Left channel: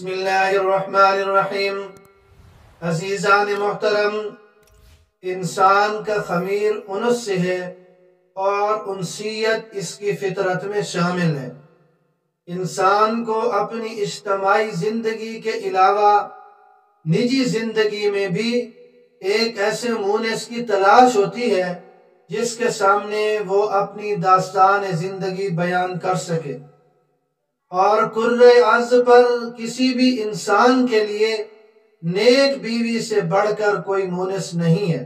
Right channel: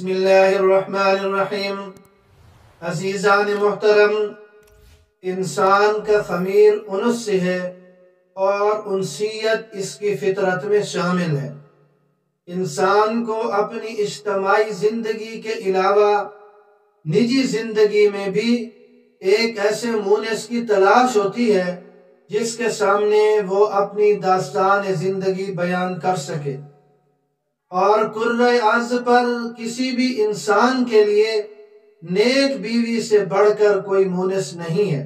بسم اللہ الرحمن الرحیم۔ عزیزان محترم، انسان کا خمیر انس سے ہے اور انسیت اس کی فطرت میں شامل ہے۔ انسان کو اپنی اجتماعی زندگی کے علاوہ نجی زندگی میں بھی ایک ایسے مونس کی تلاش ہوتی ہے جس کے سامنے وہ اپنی داستان زندگی بیان کر سکے، اور کرۂ ارض پر کسی بھی انسان کے لیے نیک بیوی سے بڑھ کر کوئی مونس نہیں ہے۔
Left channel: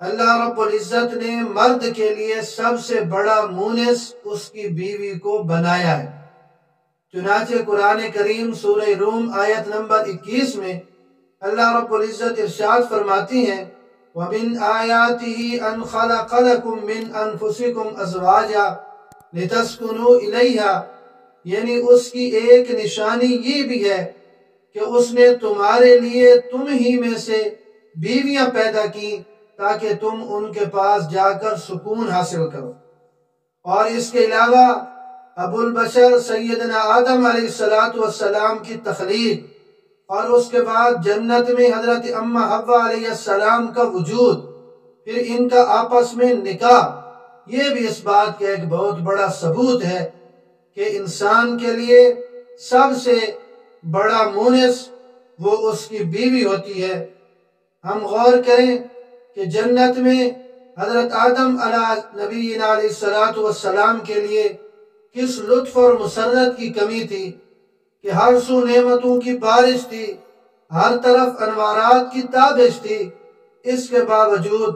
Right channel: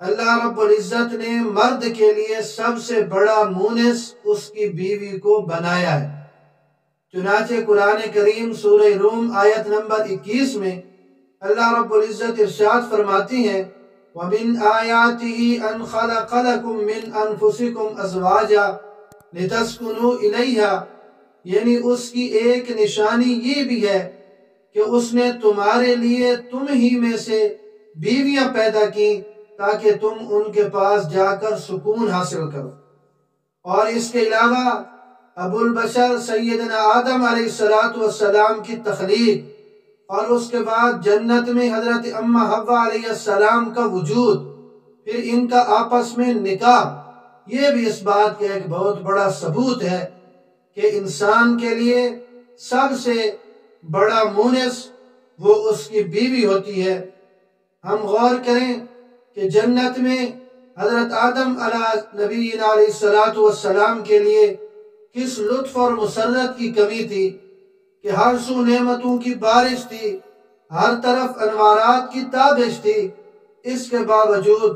اللہ رب العزت نے مرد کے لیے سب سے بڑا مونس اس کی بیوی کو بنایا ہے۔ چنانچہ قرآن کریم سورہ روم آیت نمبر 21 میں اللہ رب العزت ارشاد فرماتی ہیں وَمِنْ آيَاتِهِ أَنْ خَلَقَ لَكُم مِّنْ أَنفُسِكُمْ أَزْوَاجًا لِتَسْكُنُوا إِلَيْهَا، یعنی اس کی ایک نشانی یہ بھی ہے کہ اس نے تمہارے لیے تم ہی میں سے بیویاں پیدا کی تاکہ تم ان کے پاس جا کر سکون حاصل کرو۔ اور اس کے علاوہ ابو البشر سیدنا آدم علیہ السلام کی تخلیق اور اس کے بعد جنت میں حضرت اماں حوا علیہ السلام کا وجود، پھر ان کا آپس میں نکاح، یہ بھی اس بات کا ایک بہت بڑا ثبوت ہے کہ انسان کے لیے سب سے بڑا مونس وہ اس کی بیوی ہوتی ہے۔ ہم غور کریں کہ جنت میں حضرت آدم علیہ نبینا علیہ السلام کے لیے کس لطف اور مسرت کی کمی تھی کہ ہر سو نعمتوں کی بارش تھی، ہر طرف انوارات کی تابش تھی۔ اس کے باوجود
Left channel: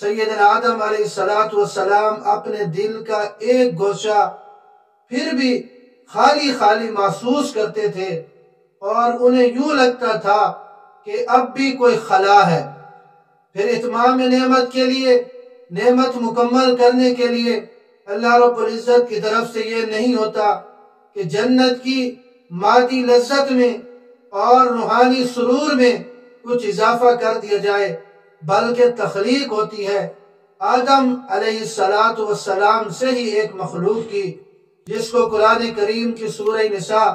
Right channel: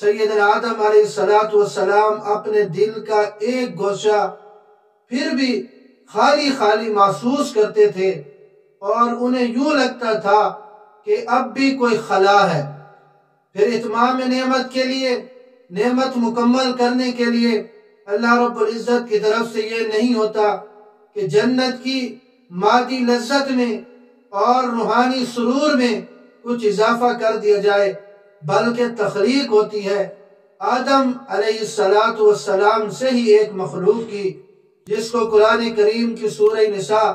سیدنا آدم علیہ السلام اپنے دل کا ایک گوشہ پھر بھی خالی خالی محسوس کرتے تھے، اور انہیں یوں لگتا تھا کہ اب بھی کوئی خلا ہے۔ پھر اتمام نعمت کے لیے، نعمت مکمل کرنے کے لیے اللہ رب العزت کی طرف سے یہ نہیں ہوتا کہ جنت کی مادی لذت میں اور روحانی سرور میں کچھ اضافہ کر دیا جائے، بلکہ تخلیق ہوتی ہے آدم علیہ السلام سے ہی ایک مخلوق کی، جس کو قرآن کریم کی سورہ نساء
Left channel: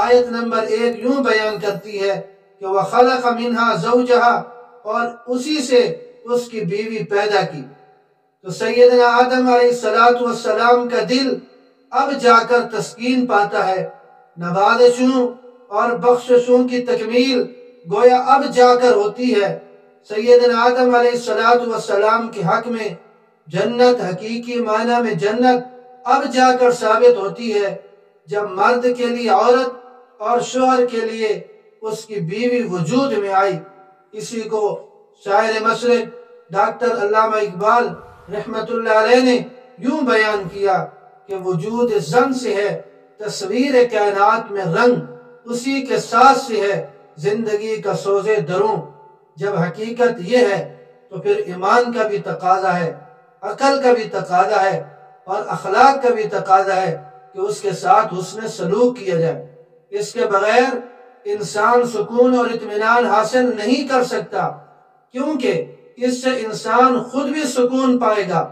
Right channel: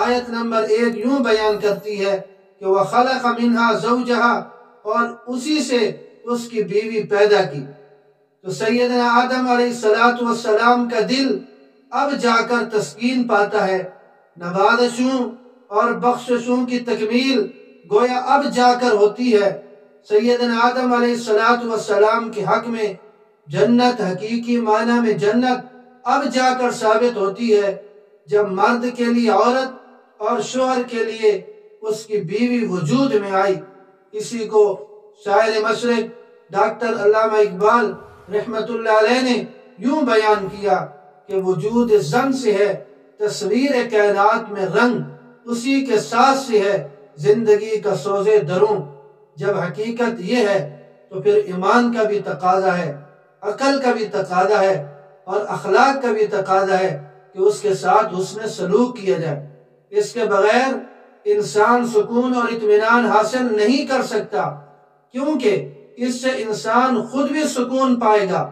آیت نمبر 1 یوں بیان کرتی ہے کہ وَخَلَقَ مِنْهَا زَوْجَهَا، اور اسی سے اس کی بیوی پیدا کی۔ تو سیدنا آدم علیہ السلام کا دل اب جا کر تسکین پاتا ہے۔ نوازشوں اور بخششوں کی تکمیل گویا اب جا کر ہوتی ہے۔ سیدنا آدم علیہ السلام کے حق میں جنت، حقیقی معنی میں جنت، اب جا کر ثابت ہوتی ہے جب مرد کے لیے عورت اور شوہر کے لیے اس کی بیوی وجود میں آئی۔ اسی کو شاعر مشرق ڈاکٹر علامہ اقبال رحمت اللہ علیہ نے یوں بیان کیا کہ وجود زن سے ہے تصویر کائنات میں رنگ، اسی کے ساتھ سے ہے زندگی کا سوز دروں۔ جب حقیقت یہ ہے تو پھر ایمان کا بھی تقاضا ہے، عقل کا بھی تقاضا ہے، اور اخلاق کا بھی تقاضا ہے کہ اس کے ساتھ حسن سلوک کیا جائے۔ اس کے بغیر انسان سکون اور اطمینان حاصل نہیں کر سکتا، کیونکہ اس سے انسان خود بھی سکون پائے گا،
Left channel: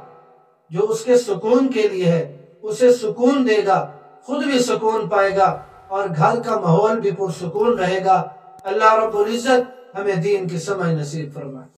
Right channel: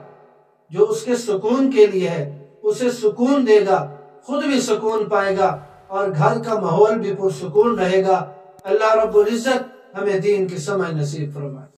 جو اس کے سکون کے لیے ہے اسے سکون دے گا، خود بھی سکون پائے گا، اور گھر کا ماحول بھی پرسکون رہے گا۔ اللہ رب العزت ہمیں دین کی سمجھ نصیب فرمائے۔